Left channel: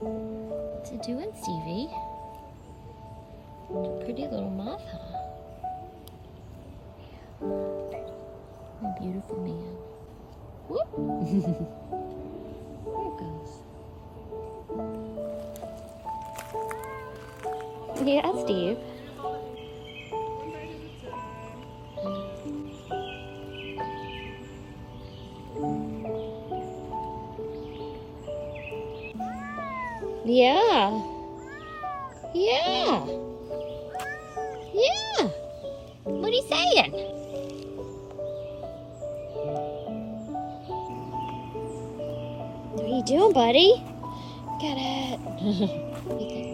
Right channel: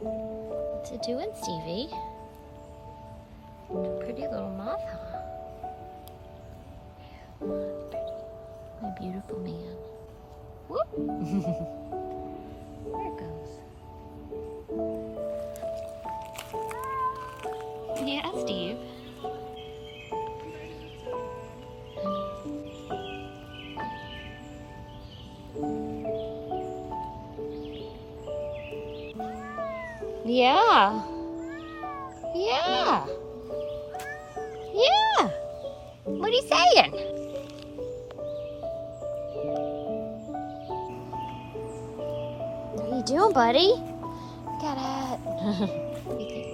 What's it doing, Stevie? Pretty little moth, huh? My beautiful man. Whoop. There it goes. Yeah, Steve. Yeah. Yeah. Yeah. What are you saying? What are you doing, buddy? Got it. You think